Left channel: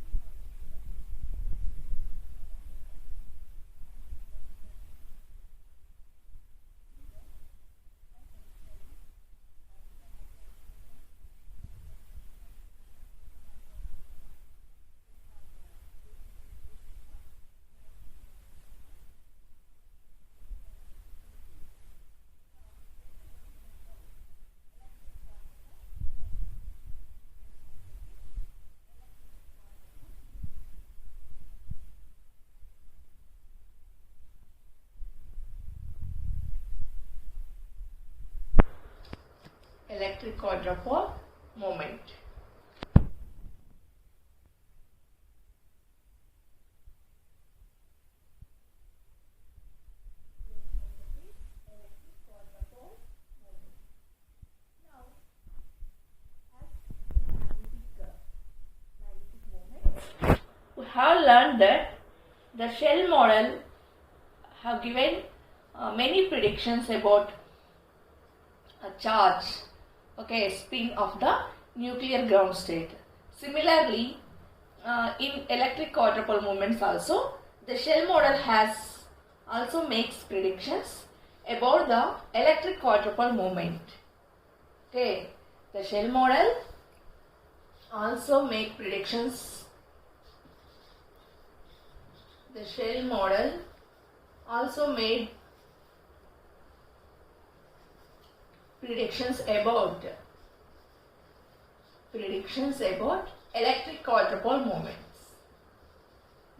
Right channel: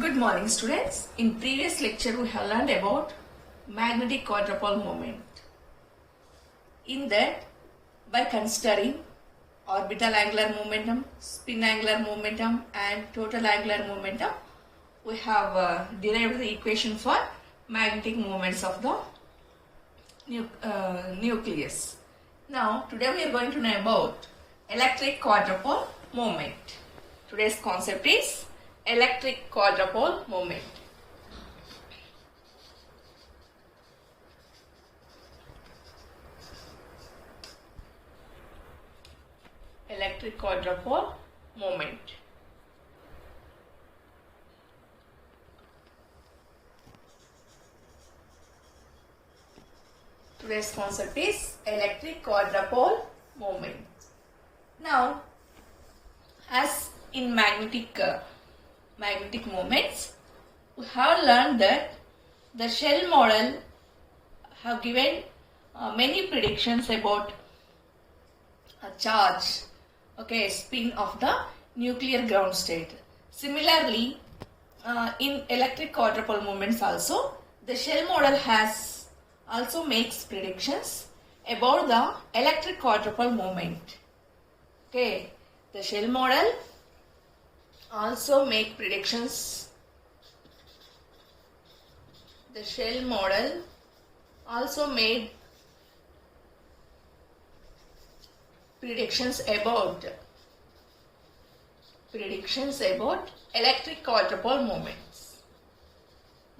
Good morning students. In previous lecture we have learned about magnetic quadrupole moment. In that, by considering orbital angular momentum, spin angular momentum and total angular momentum, we have derived the equation for magnetic moments of the nucleus. Now today we are going to know about electric quadrupole moment. Today's concept is electric quadrupole moment. Electric quadrupole moment. Today's concept is electric quadrupole moment. Now, as in magnetic moments, we have learned that the Shell model have given many predictions about a charge, spin of the nuclear ground state. Similarly, in electric quadrupole moments also, the Shell model has also makes predictions about the electric quadrupole moment. Okay, the Shell model also make predictions. The Shell model also made predictions about electric quadrupole moments.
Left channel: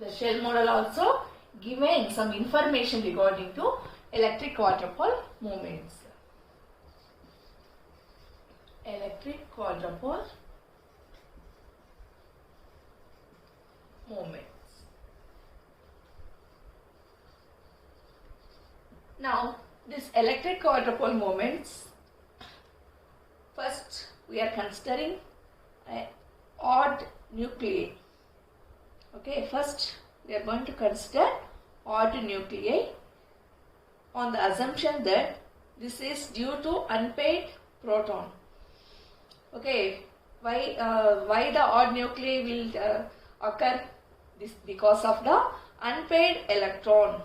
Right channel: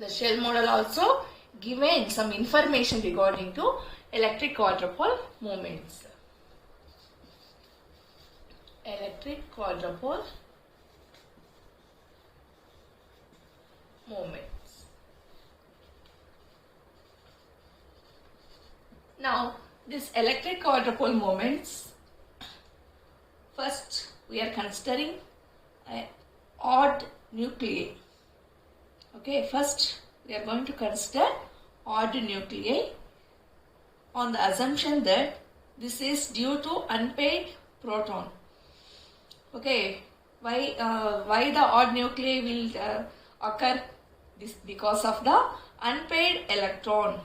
The Shell model also given some information regarding to electric quadrupole moments. Electric quadrupole moments. Now, this electric quadrupole moments, first we are considering odd nuclei. Okay, first we are going to consider odd nuclei on the assumption that this is due to unpaired proton. Okay, why the odd nuclei will occur? This because of the unpaired electron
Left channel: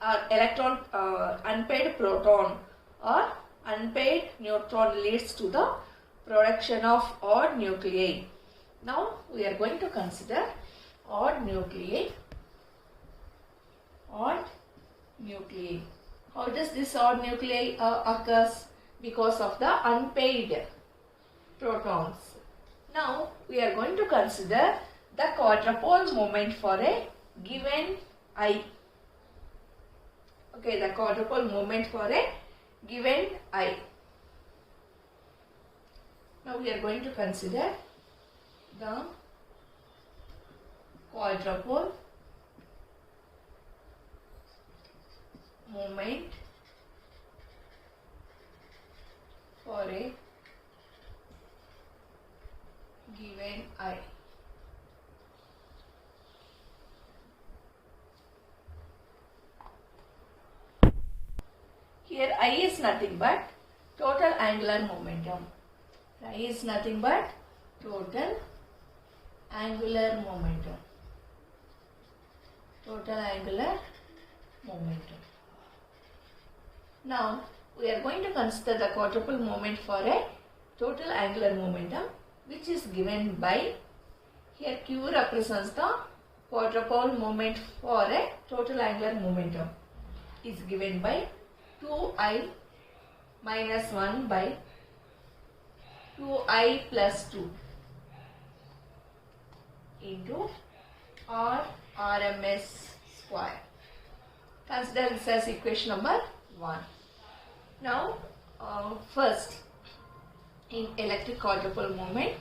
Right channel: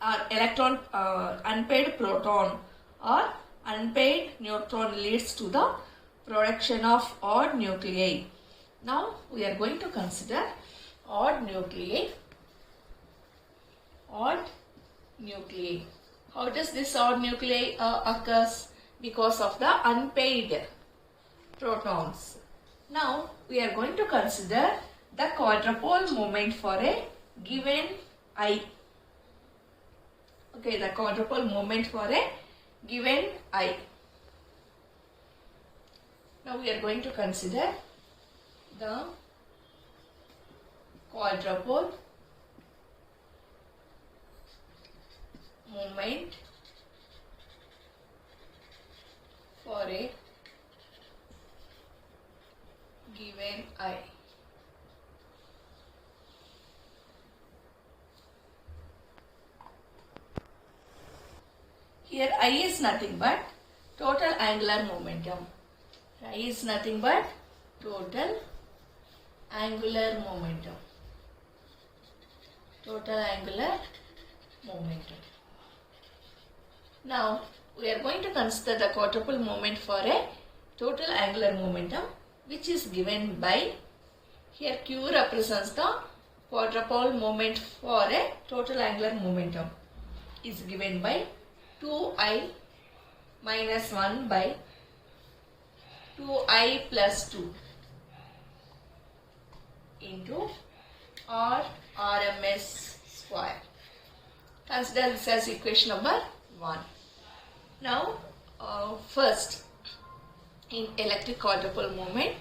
or unpaired proton or unpaired neutron leads to the production of odd nuclei. Now we are going to consider odd nuclei. Odd nuclei. How does this odd nuclei occurs? Because of the unpaired protons. Now we are going to consider the quadrupole moment for a given I. Okay, the quadrupole moment for a given I. Now we are going to consider the quadrupole moment for a given I. Here I is nothing but total angular momentum. I is nothing but total angular momentum. Total angular momentum. Now we are going to consider the quadrupole moment for a total angular momentum, which is given by, here Q represents the quadrupole moment for a total angular momentum, is given by 2I minus 1 by 2I plus 2 into R RMS square. Consider this as equation number 1. Now, first in electric quadrupole moment,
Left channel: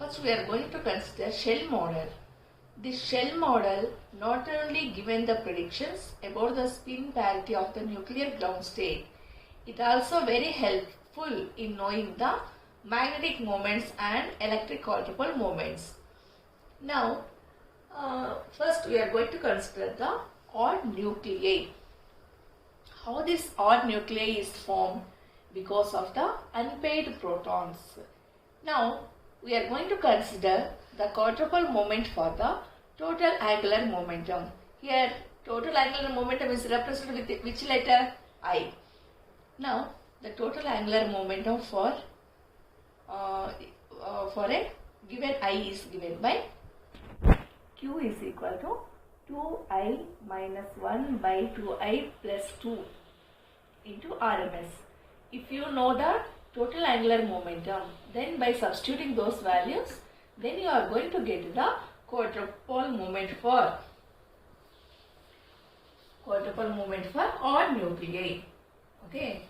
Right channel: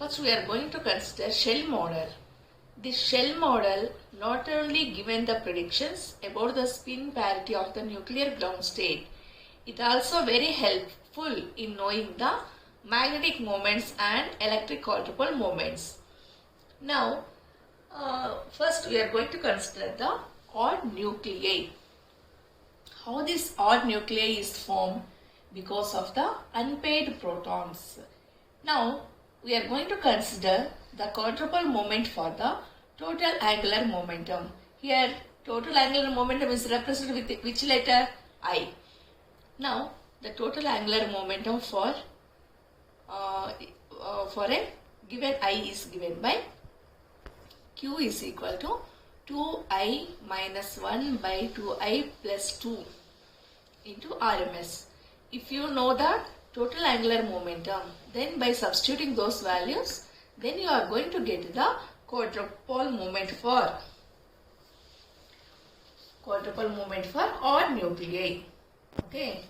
first we are going to consider Shell model. This Shell model not only given the predictions about the spin parity of the nuclear ground state, it also very helpful in knowing the magnetic moments and electric quadrupole moments. Now, first we are going to consider the odd nuclei. How this odd nuclei is formed? Because of the unpaired protons. Now, we are going to consider the quadrupole moment for the total angular momentum. Here total angular momentum is represented with which letter? I. Now the total angular momentum for a given I is given by Q is equal to 2I minus 1 by 2I plus 2 into RMS. If you know the total angular momentum, then by substituting those values, then you are going to get the quadrupole moment for odd nuclei. Okay,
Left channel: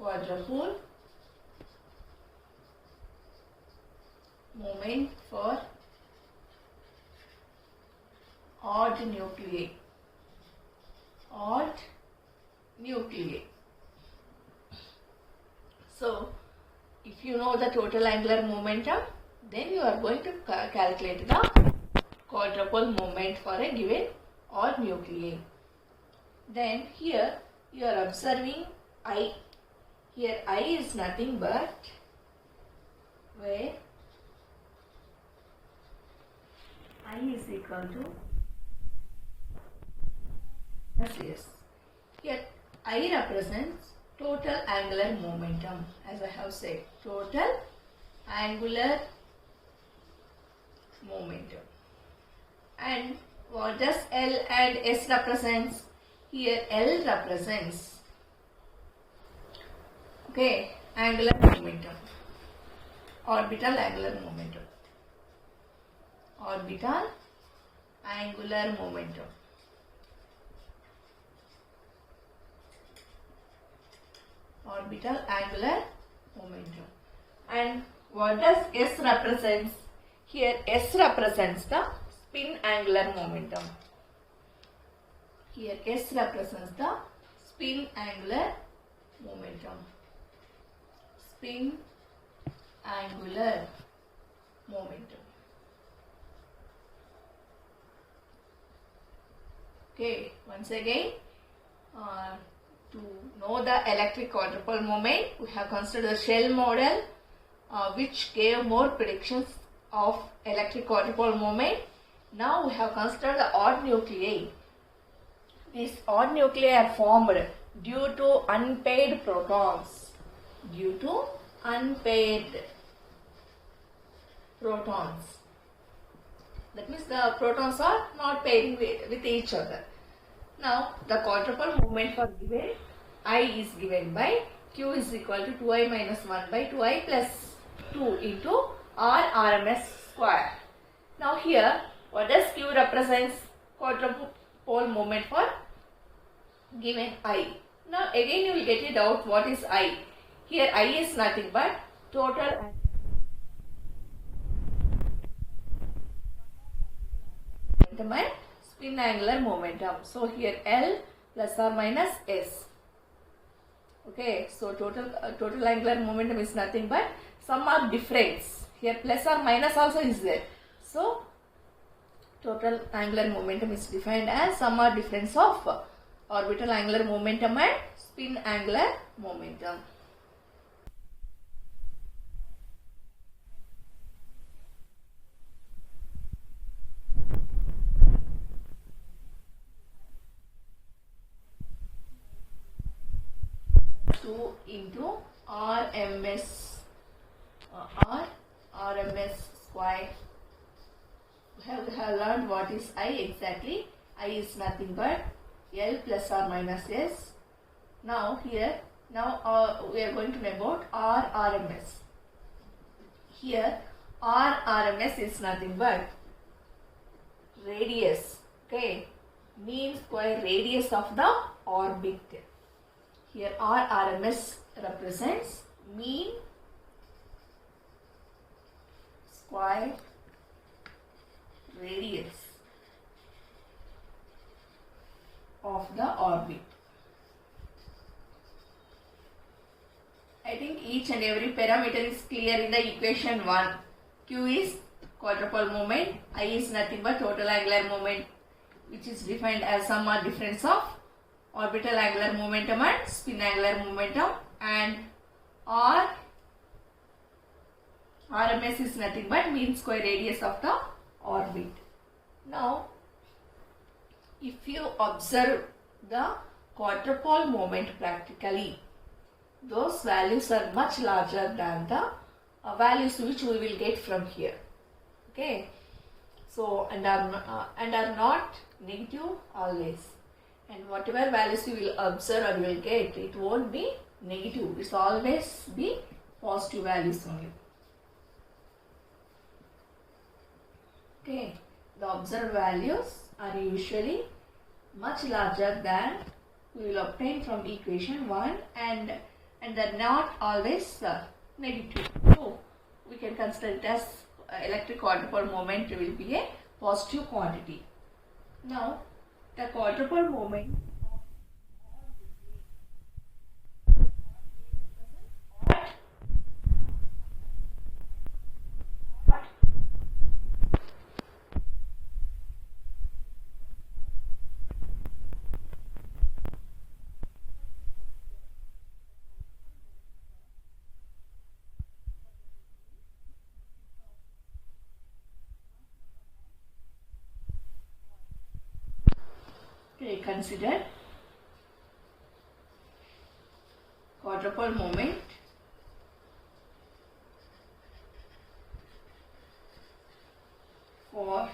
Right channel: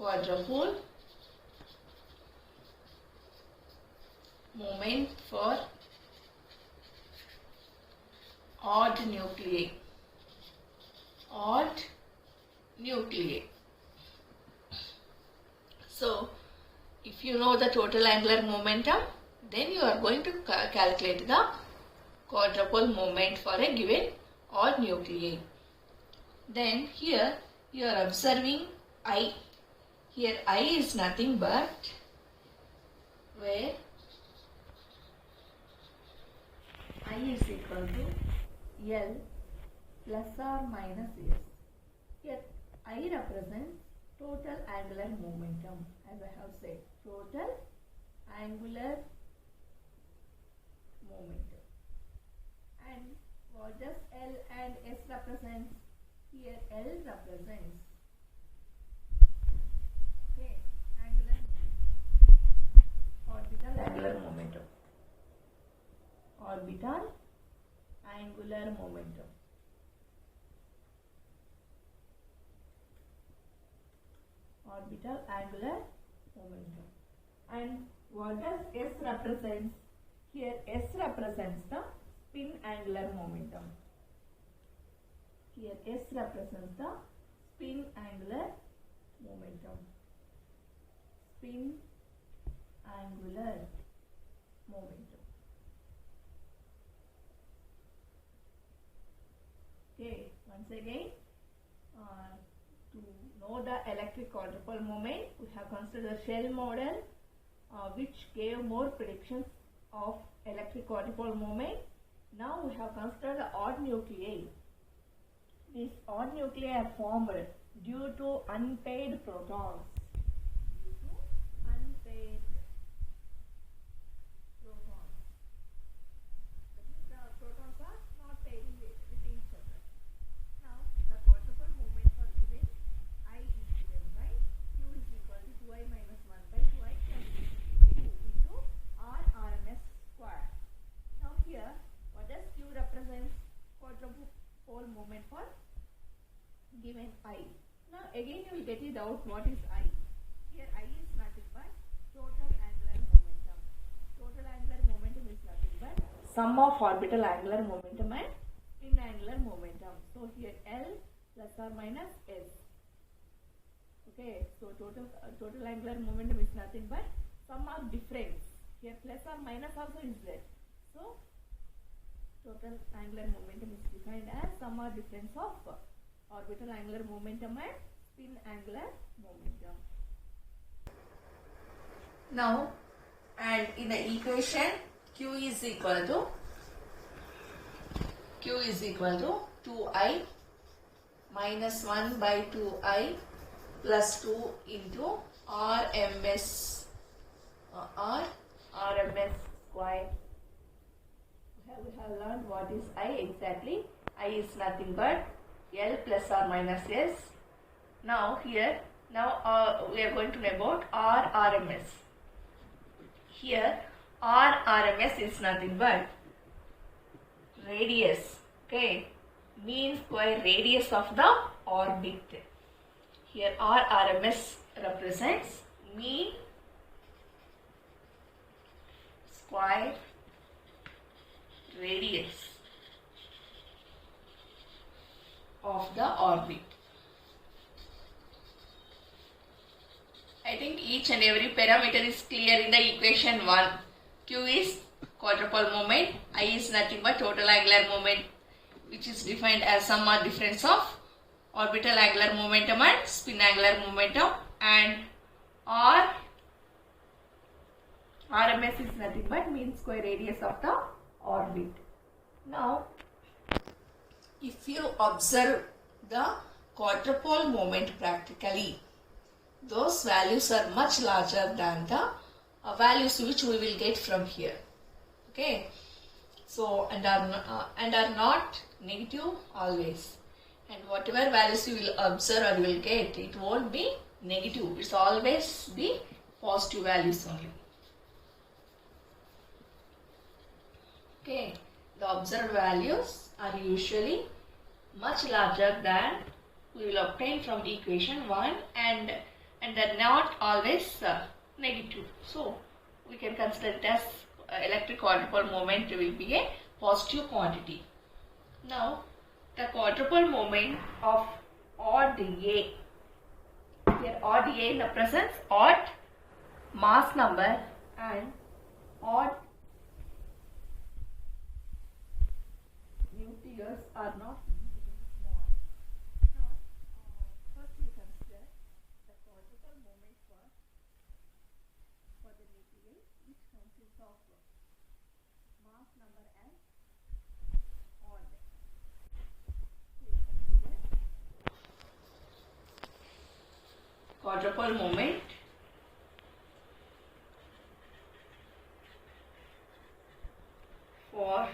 quadrupole moment for odd nuclei. So if you know the total angular momentum, then you are going to calculate the quadrupole moment for a given odd nuclei. Then here you are observing I. Here I is nothing but where I is equal to L plus or minus S. Here I represents total angular momentum, as I have said, total angular momentum. And what does L and S represents? Here L represents, okay, angular momentum, orbital angular momentum, orbital angular momentum. Orbital angular momentum. And what does S represents? Here S represents the spin angular momentum. Here S represents the spin angular momentum. Spin angular momentum. Okay, once again, to know the electric quadrupole moment, we have considered the Shell model, which gave more predictions of electric quadrupole moment. Now we have considered the odd nuclei. These odd nuclei are formed due to unpaired protons. That means the protons are not pairing with each other. Now the quadrupole moment for given I is given by Q is equal to 2I minus 1 by 2I plus 2 into RMS square. Now here what does Q represents? Quadrupole moment for given I. Now again you will get it out what is I. Here I is nothing but total angular momentum. Total angular momentum is nothing but sum of orbital angular momentum and spin angular momentum. So here L plus or minus S. Okay, so total angular momentum is nothing but sum of difference. Here plus or minus also is there. So total angular momentum is defined as sum or difference of orbital angular momentum and spin angular momentum. Now, and in the equation Q is equal to 2I minus 1 by 2I plus 2 into RMS square. We have learned what is I exactly. I is nothing but L plus or minus S. Now here, we are going to know about RMS. Here RMS is nothing but radius, okay, mean square radius of the orbit. Here RMS represents mean square radius of the orbit. I think each and every parameter is clear in the equation 1. Q is quadrupole moment, I is nothing but total angular moment, which is defined as sum or difference of orbital angular momentum and spin angular momentum, and R RMS is nothing but mean square radius of the orbit. Now, if you observe the quadrupole moment practically, those values are much larger than the values which we will get from here. Okay, so and are not negative always, and whatever values you will observe or you will get, it won't be negative. It's always be positive values only. Okay, the observed values are usually much larger than we will obtain from equation 1, and they're not always negative. So we can consider it as electric quadrupole moment will be a positive quantity. Now the quadrupole moment of odd A, here odd A represents odd mass number and odd nucleus are not. First we consider the quadrupole moment for the nucleus, which consists of mass number and odd. Okay, consider quadrupole moment for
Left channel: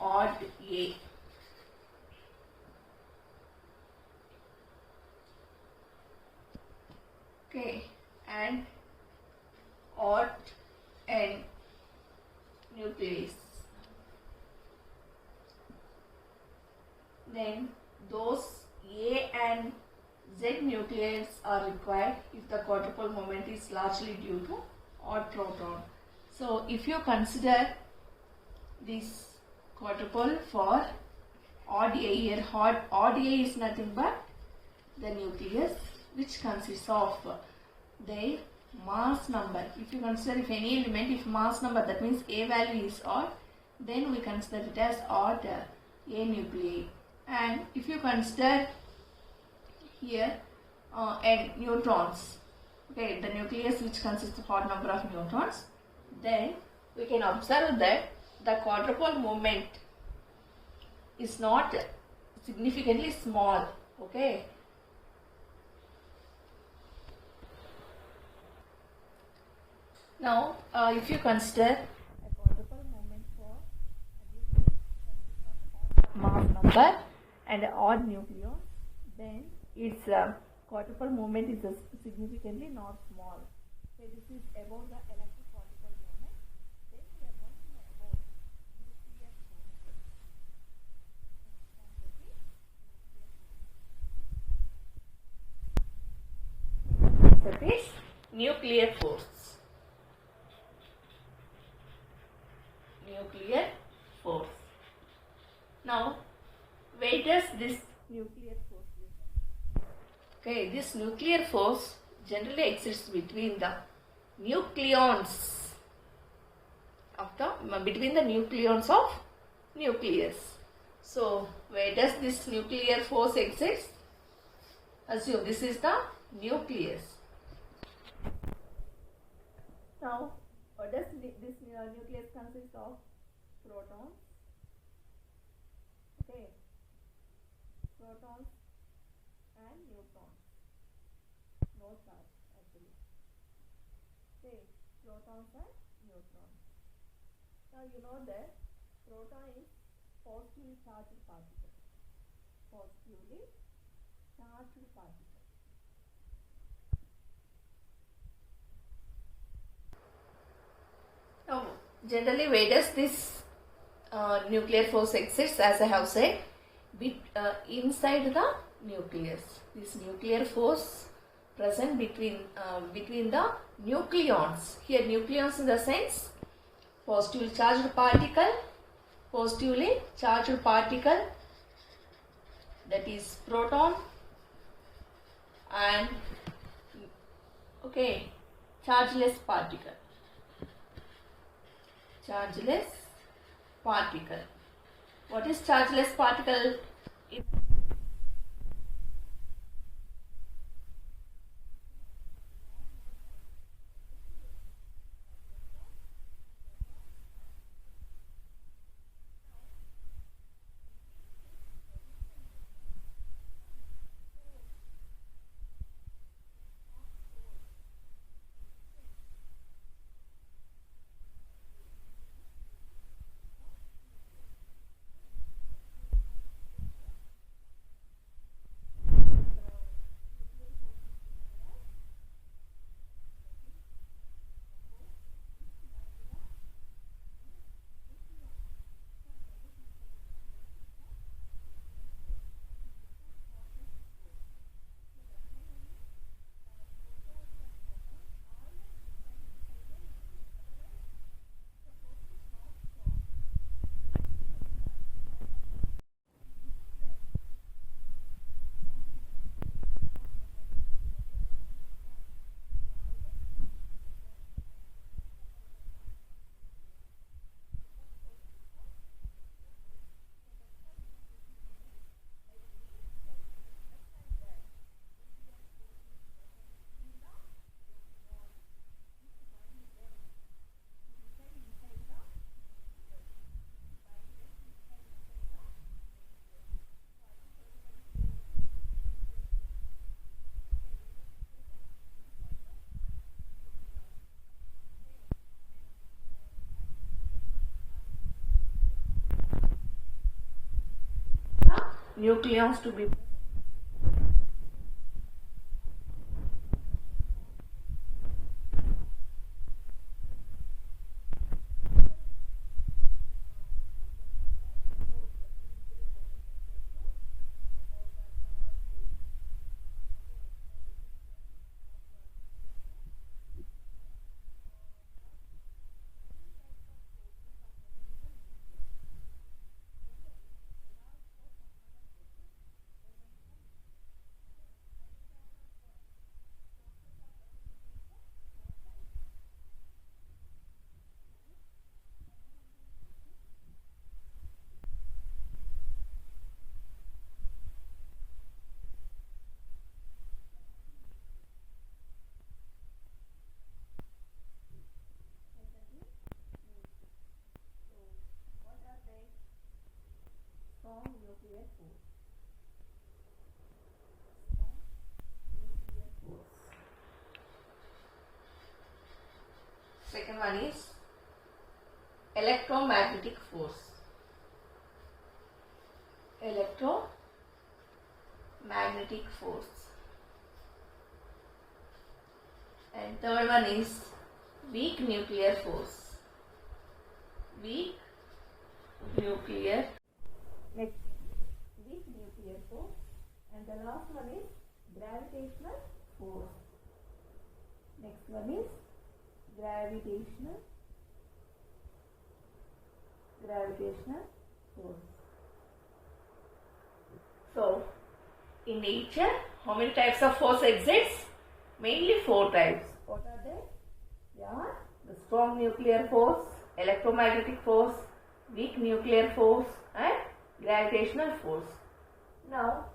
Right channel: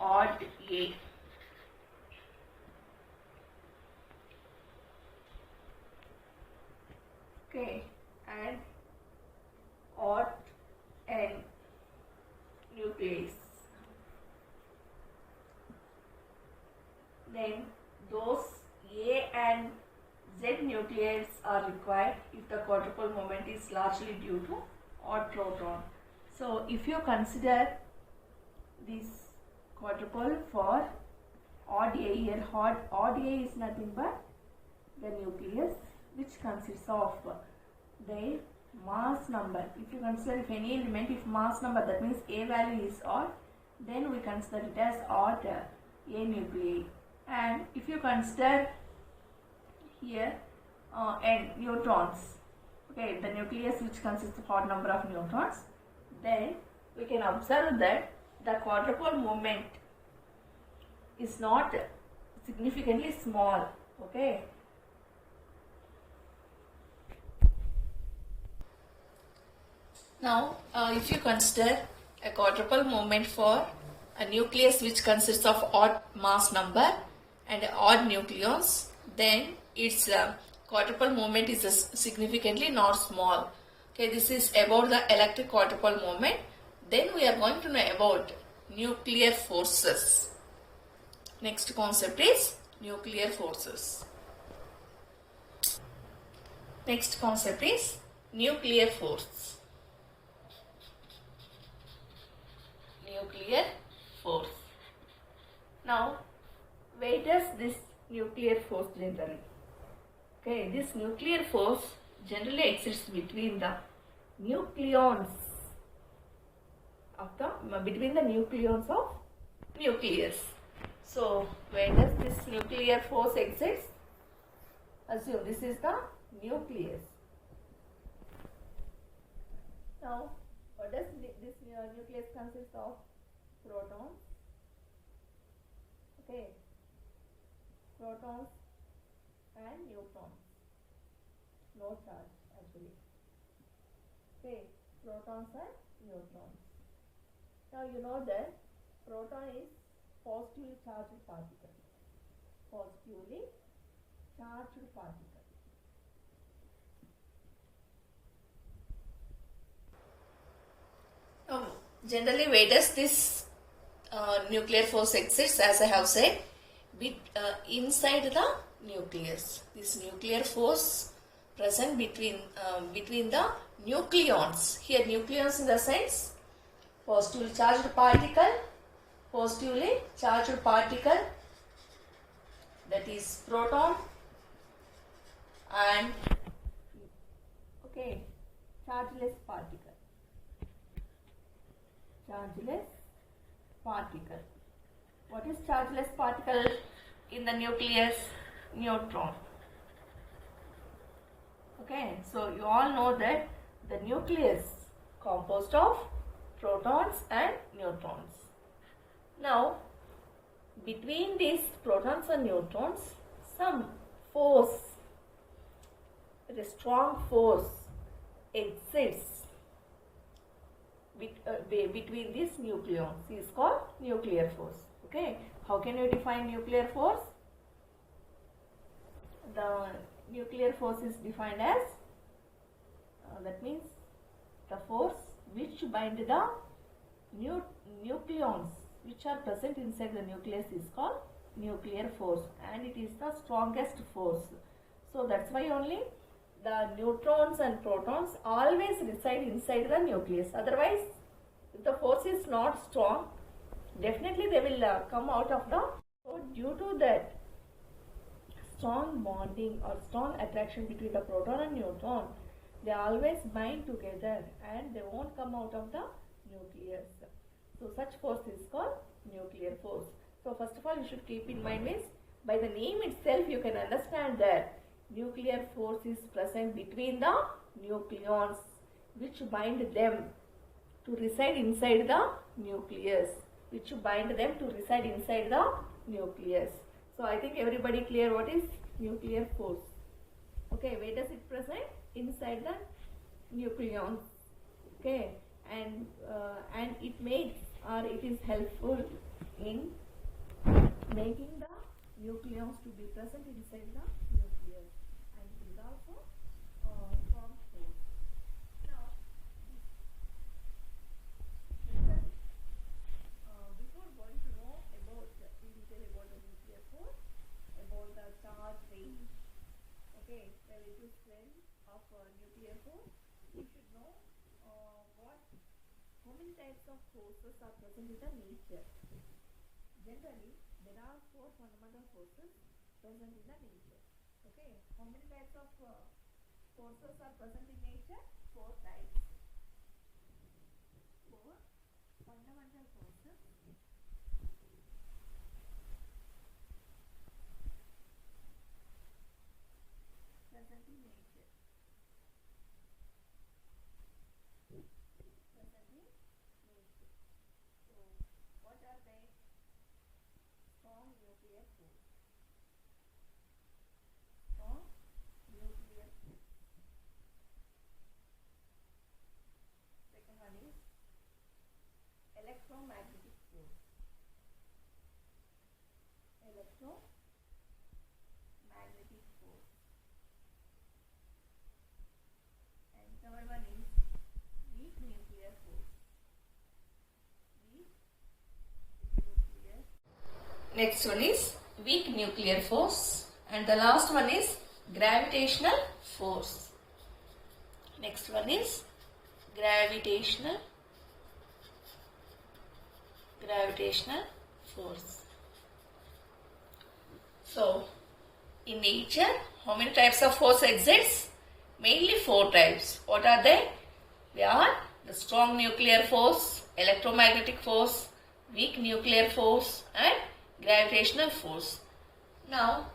odd A. Okay, and odd N nucleus. Then those A and Z nucleus are required if the quadrupole moment is largely due to odd proton. So if you consider this quadrupole for odd A here, odd A is nothing but the nucleus which consists of the mass number. If you consider if any element, if mass number, that means A value is odd, then we consider it as odd A nuclei. And if you consider here and neutrons, okay, the nucleus which consists of odd number of neutrons, then we can observe that the quadrupole moment is not significantly small. Okay, now if you consider a quadrupole moment for a nucleus which consists of odd mass number and odd nucleons, then its quadrupole moment is significantly not small. Okay, this is about the electric quadrupole moment. Then we are going to know about nuclear forces. Next concept is nuclear forces. Next concept is nuclear force. Nuclear force. Now, where does this nuclear force generally? Okay, this nuclear force generally exists between the nucleons of nucleus. So, where does this nuclear force exist? Assume this is the nucleus. Now, what does this nucleus consist of? Protons. Okay, protons and neutrons. No charge actually. Okay, protons and neutrons. Now you know that proton is positively charged particle. Positively charged particle. Now, generally, where does this nuclear force exist? As I have said, inside the nucleus. This nuclear force present between the nucleons. Here, nucleons in the sense positively charged particle, that is proton, and okay, chargeless particle. What is chargeless particle in the nucleus? Neutron. Okay, so you all know that the nucleus composed of protons and neutrons. Now, between these protons and neutrons, some force, a strong force exists between these nucleons. Is called nuclear force. Okay, how can you define nuclear force? The nuclear force is defined as that means the force which bind the nucleons which are present inside the nucleus is called nuclear force, and it is the strongest force. So that's why only the neutrons and protons always reside inside the nucleus. Otherwise, if the force is not strong, definitely they will come out of the. So due to that strong bonding or strong attraction between the proton and neutron, they always bind together and they won't come out of the nucleus. So such force is called nuclear force. So first of all, you should keep in mind means by the name itself you can understand that nuclear force is present between the nucleons which bind them to reside inside the nucleus. So I think everybody clear what is nuclear force. Okay, where does it present? Inside the nucleons. Okay, and it makes or it is helpful in making the nucleons to be present inside the nucleus, and it is also strong force. Now, before going to know about in detail about the nuclear force, about the charge range, okay, the relative strength of nuclear force, we should know how many types of forces are present in the nature. Generally, there are four fundamental forces present in the nature. Okay, how many types of forces are present in nature? Four types. Four fundamental forces present in nature. So, what are they? Strong nuclear force. Strong nuclear force. Second one is electromagnetic force. Electromagnetic force. And third one is weak nuclear force. Next one is weak nuclear force, and the last one is gravitational force. Next one is gravitational force. So, in nature, how many types of force exists? Mainly four types. What are they? They are the strong nuclear force, electromagnetic force, weak nuclear force, and gravitational force. Now,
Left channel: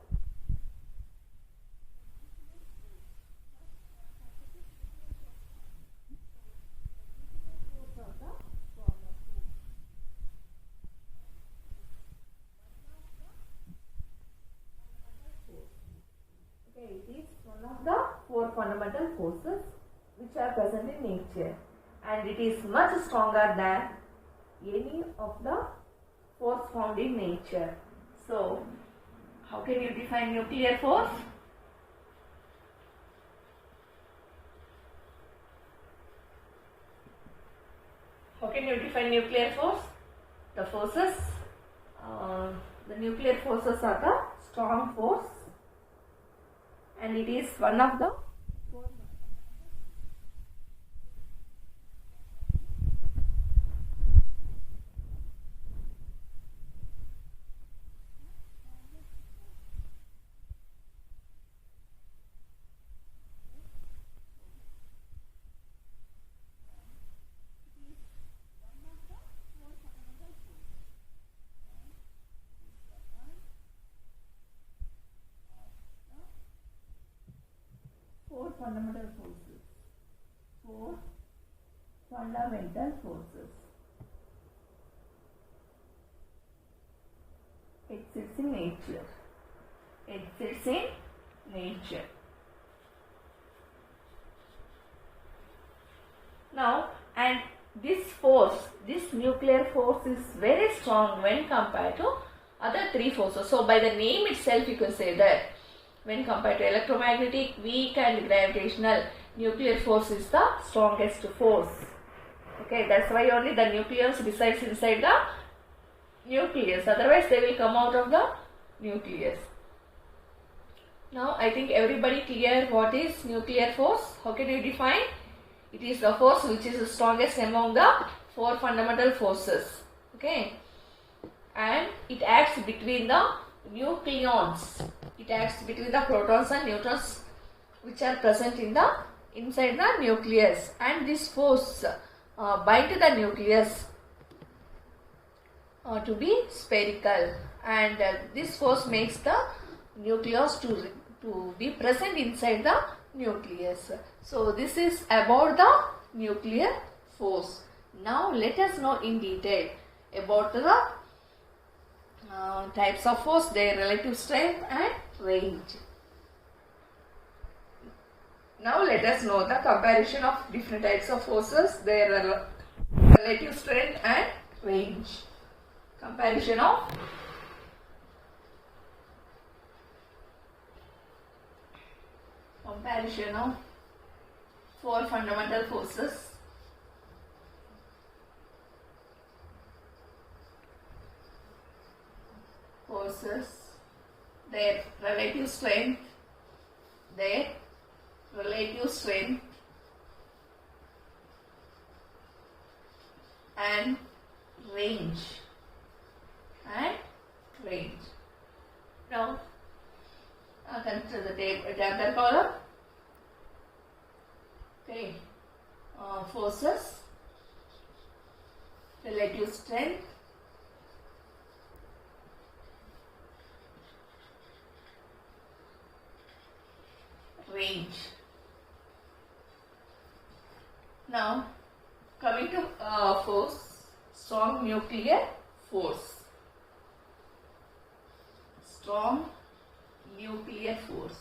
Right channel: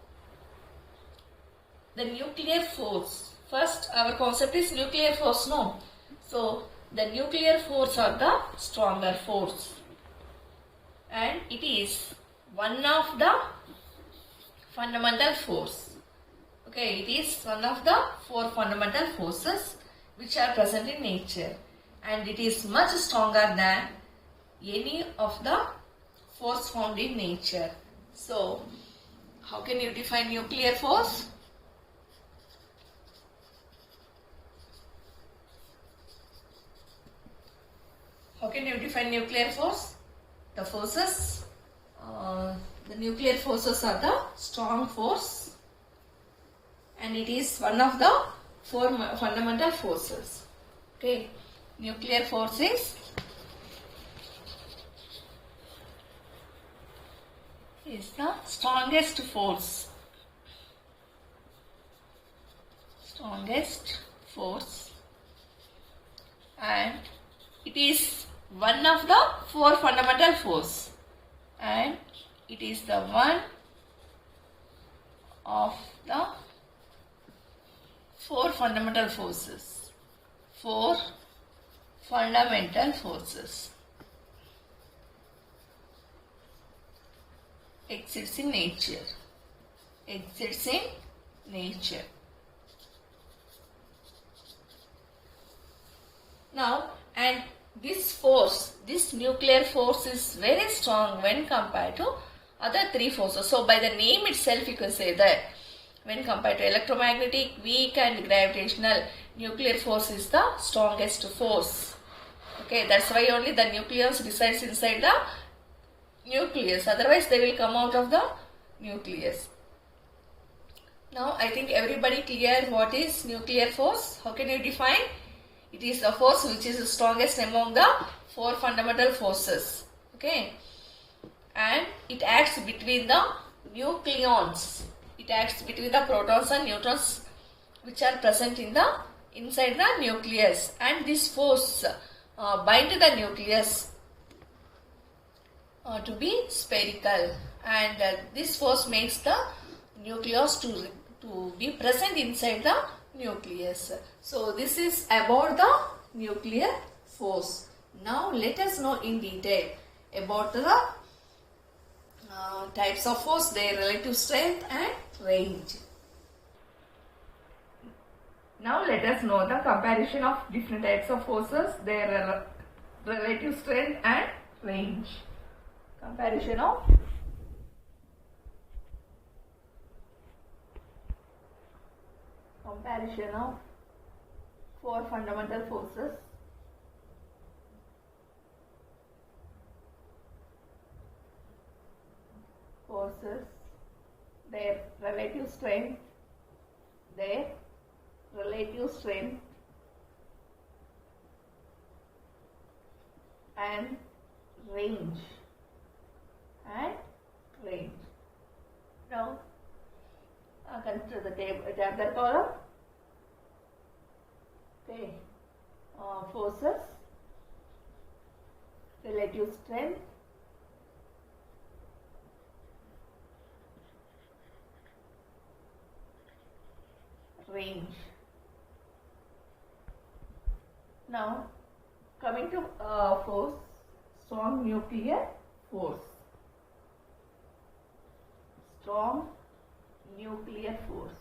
the nuclear force. First, our concept is nuclear force, no? So, the nuclear force are the stronger force, and it is one of the fundamental force. Okay, it is one of the four fundamental forces which are present in nature, and it is much stronger than any of the force found in nature. So, how can you define nuclear force? How can you define nuclear force? The forces, the nuclear forces are the strong force, and it is one of the four fundamental forces. Okay, nuclear force is the strongest force. And it is one of the four fundamental force, and it is the one of the four fundamental forces. Four fundamental forces. Exists in nature. Exists in nature. Now, and this force, this nuclear force is very strong when compared to other three forces. So, by the name itself, you can say that when compared to electromagnetic, weak and gravitational, nuclear force is the strongest force. Okay, that's why only the nucleus resides inside the nucleus. Otherwise, they will come out of the nucleus. Now, I think everybody clear what is nuclear force. How can you define? It is the force which is the strongest among the four fundamental forces. Okay, and it acts between the nucleons. It acts between the protons and neutrons which are present in the inside the nucleus, and this force bind the nucleus to be spherical, and this force makes the nucleus to be present inside the nucleus. So this is about the nuclear force. Now let us know in detail about the types of force, their relative strength and range. Now let us know the comparison of different types of forces, their relative strength and range. Comparison of four fundamental forces. Their relative strength, and range. Now, consider the tabular column. Okay, forces, relative strength, range. Now, coming to force, strong nuclear force. Strong nuclear force.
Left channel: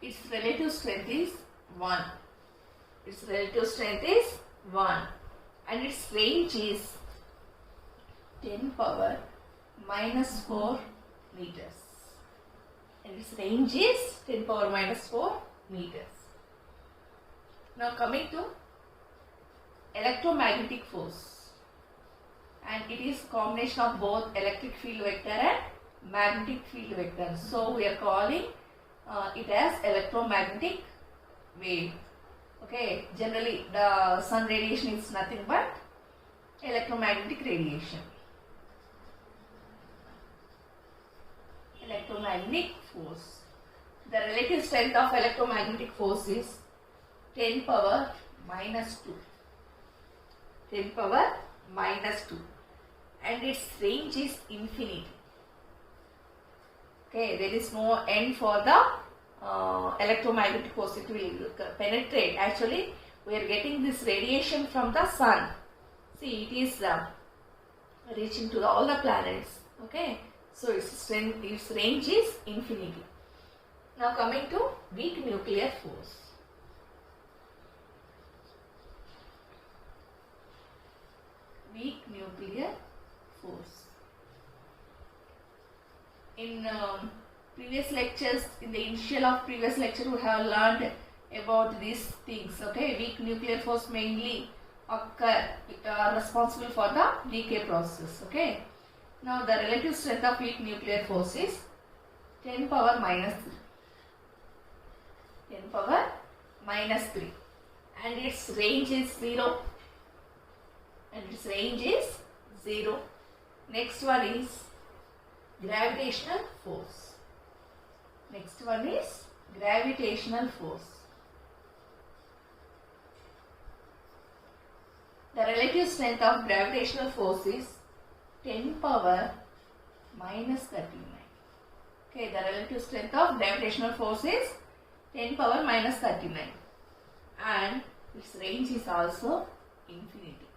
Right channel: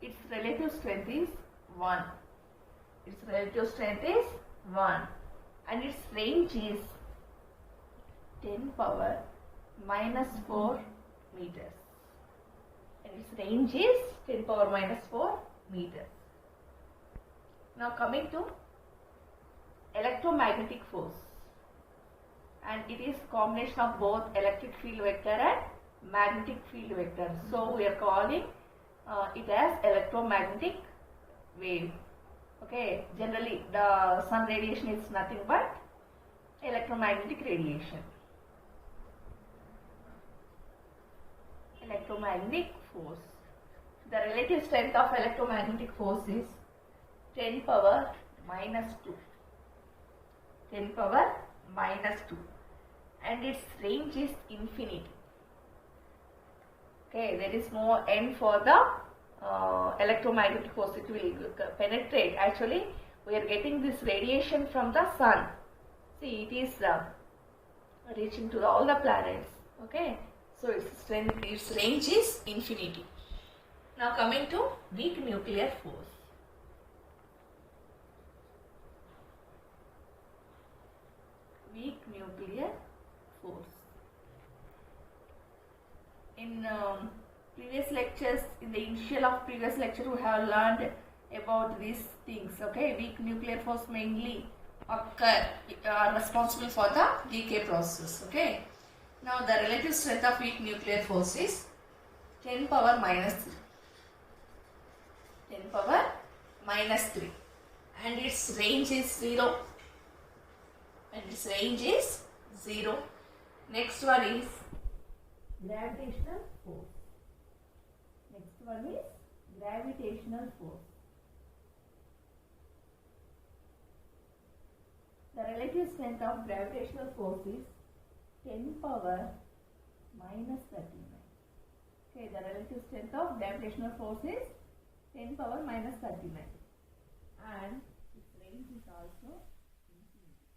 Its relative strength is 1. Its relative strength is 1. And its range is 10 power minus 4 meters. And its range is 10 power minus 4 meters. Now coming to electromagnetic force. And it is combination of both electric field vector and magnetic field vector. So we are calling it as electromagnetic wave. Okay, generally the sun radiation is nothing but electromagnetic radiation. Electromagnetic force. The relative strength of electromagnetic force is 10 power minus 2. 10 power minus 2. And its range is infinity. Okay, there is no end for the electromagnetic force. It will penetrate. Actually, we are getting this radiation from the sun. See, it is reaching to all the planets. Okay, so its range is infinity. Now coming to weak nuclear force. Weak nuclear force. In previous lectures, in the initial of previous lecture, we have learned about these things. Okay, weak nuclear force mainly are responsible for the decay process. Okay, now the relative strength of weak nuclear force is 10 power minus 3. 10 power minus 3, and its range is 0. And its range is 0. Next one is gravitational force. Next one is gravitational force. The relative strength of gravitational force is 10 power minus 39. Okay, the relative strength of gravitational force is 10 power minus 39. And its range is also infinity.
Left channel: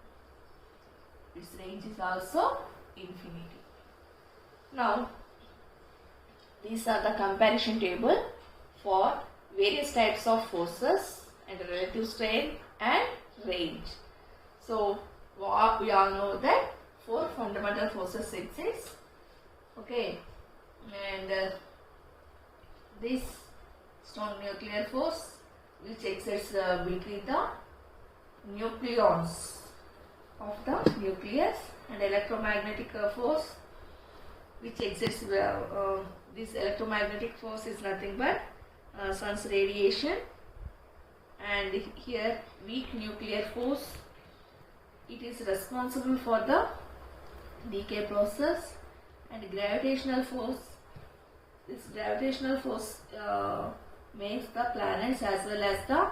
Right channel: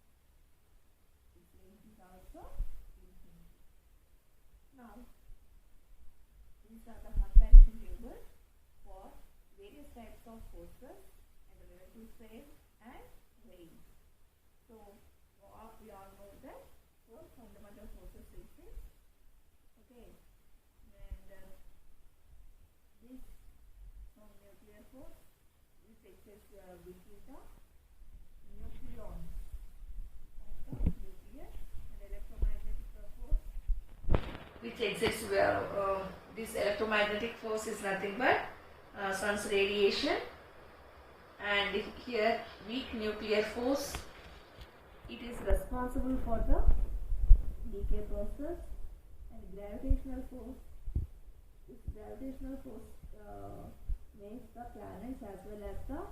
Its range is also infinity. Now, these are the comparison table for various types of forces and relative strain and range. So, we all know that 4 fundamental forces exist. Okay, and this strong nuclear force which exists between the nucleons of the nucleus, and electromagnetic force which exists this electromagnetic force is nothing but sun's radiation, and here weak nuclear force, it is responsible for the decay process, and gravitational force, this gravitational force makes the planets as well as the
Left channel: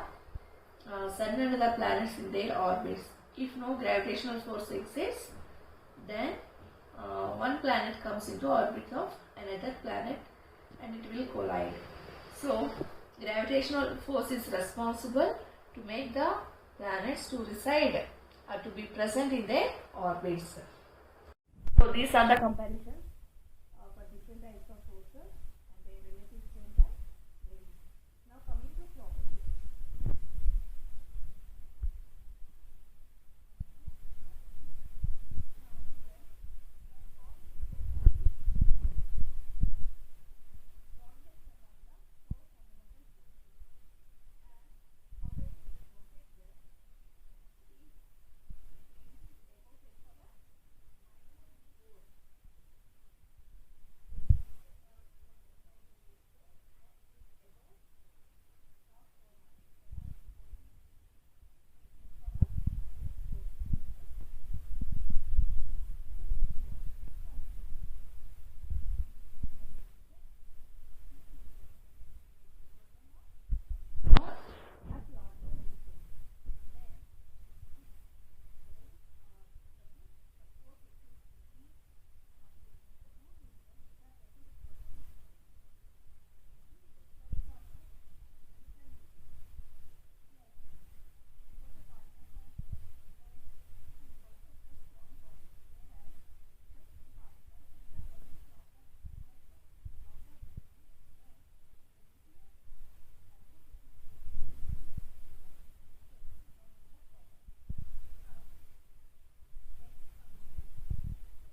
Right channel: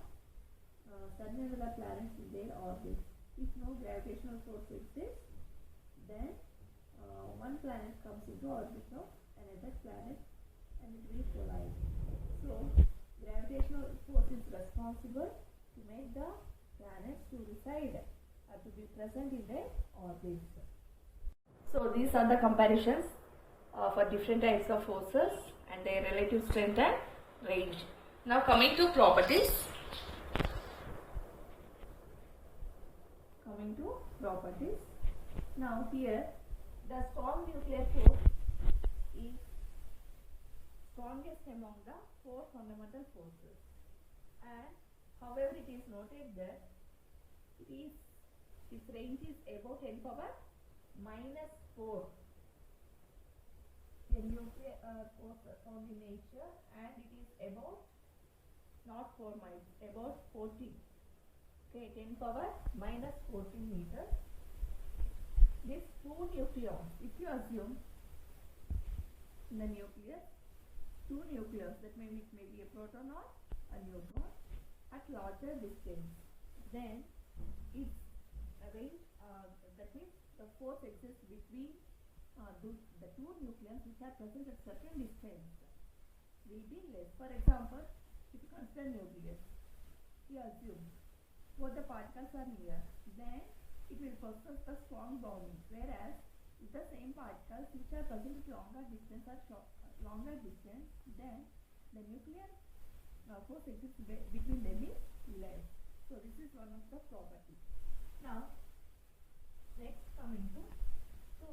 sun and the planets in their orbits. If no gravitational force exists, then one planet comes into orbit of another planet and it will collide. So, gravitational force is responsible to make the planets to reside or to be present in their orbits. So, these are the comparisons for different types of forces and their relative strength and range. Now, coming to properties. Now, here the strong nuclear force is strongest among the 4 fundamental forces, and however it is noted that its range is above 10 power minus 4. The nuclear force found in nature, and it is about not 4 miles, about 14. Okay, 10 power minus 14 meters. These 2 nucleons, if you assume in the nucleus 2 nucleons, that may be a proton or a neutron at larger distance, then its range, that means the force exists between the 2 nucleons which are present at certain distance will be less. For example, if you consider nucleus, you assume both the particles are near, then it will possess the strong bonding, whereas if the same particles which are present at longer distance then the nuclear force exists between them is less. So this is one of the properties. Now, next coming to, so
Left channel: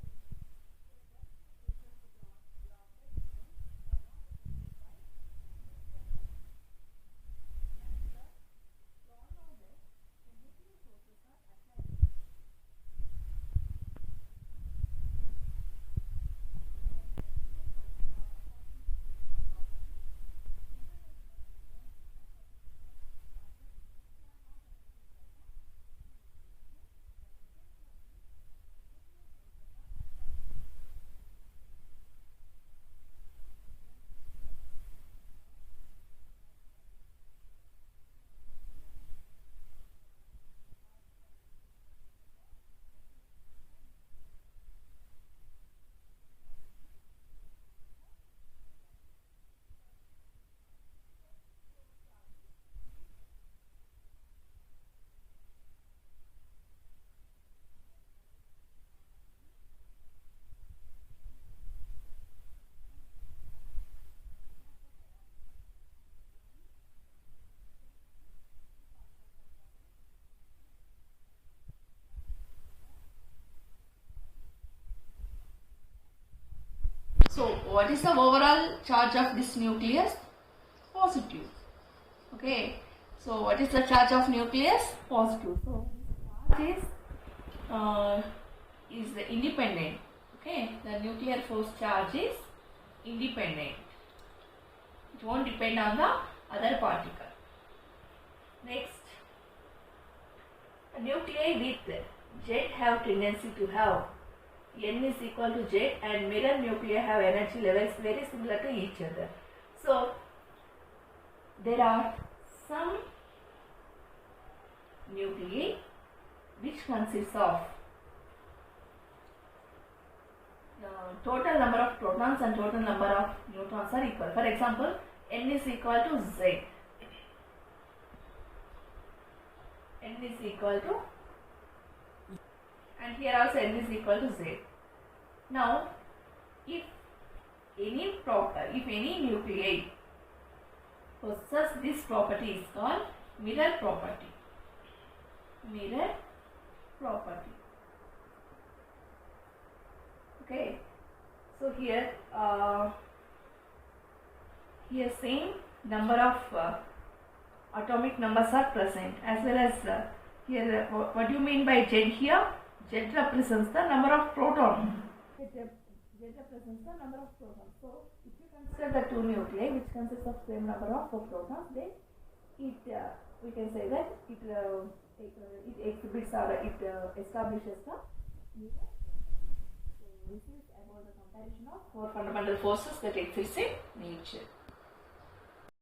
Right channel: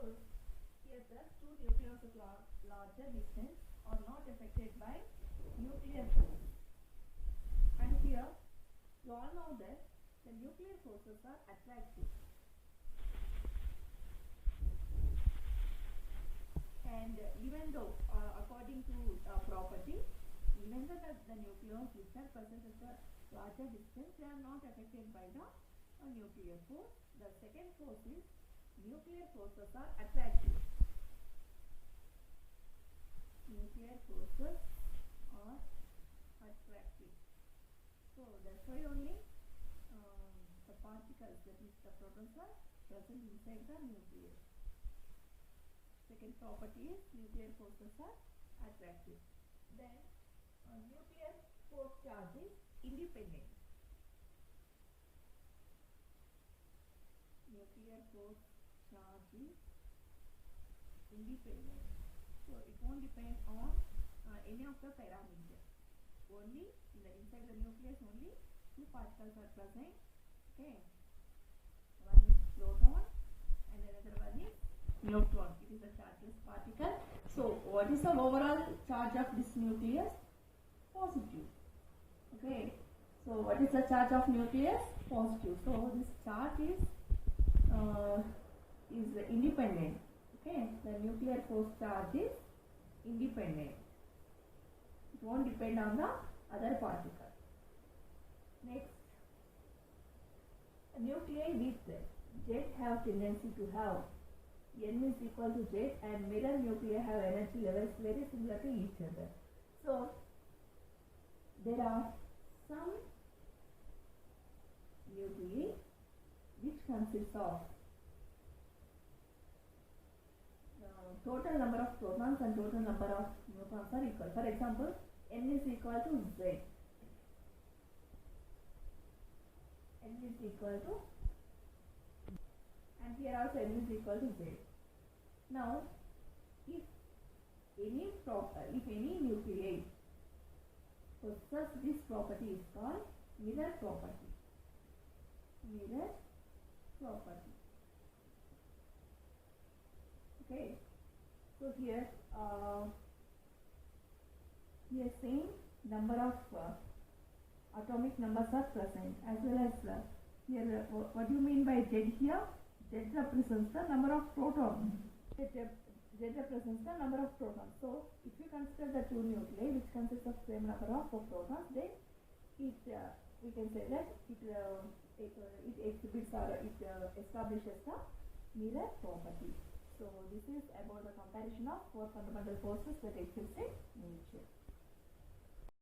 here the 2 nucleons at larger distance are not affected by nuclear force, and here you all know that the nuclear forces are attractive. And even though, according to property, remember that the nucleons which are present at a larger distance, they are not affected by the nuclear force. The second force is nuclear forces are attractive. Nuclear forces are attractive. So that's why only the particles, that is the protons, are present inside the nucleus. Second property is nuclear forces are attractive. Then nuclear force charge is independent. Nuclear force charge is independent. So it won't depend on any of the parameters. Only inside the nucleus, only 2 particles are present. Okay, one is proton and another one is neutron. It is a chargeless particle. So what is the overall charge of this nucleus? Positive. Okay, so what is the charge of nucleus? Positive. So this charge is independent. Okay, the nuclear force charge is independent. It won't depend on the other particle. Next, nuclei with jet have tendency to have N is equal to jet, and mirror nuclei have energy levels very similar to each other. So there are some nuclei which consists of total number of protons and total number of neutrons are equal. For example, N is equal to Z. n is equal to, and here also n is equal to z. Now, if any nuclei possess this property is called mirror property. Mirror property. Okay. So here, same number of atomic numbers are present, as well as here. What do you mean by Z here? Z represents the number of protons. Z represents the number of protons. So, if you consider the two nuclei which consists of same number of protons, then we can say that it exhibits or it establishes the mirror property. So, this is about the comparison of four fundamental forces that exist in nature.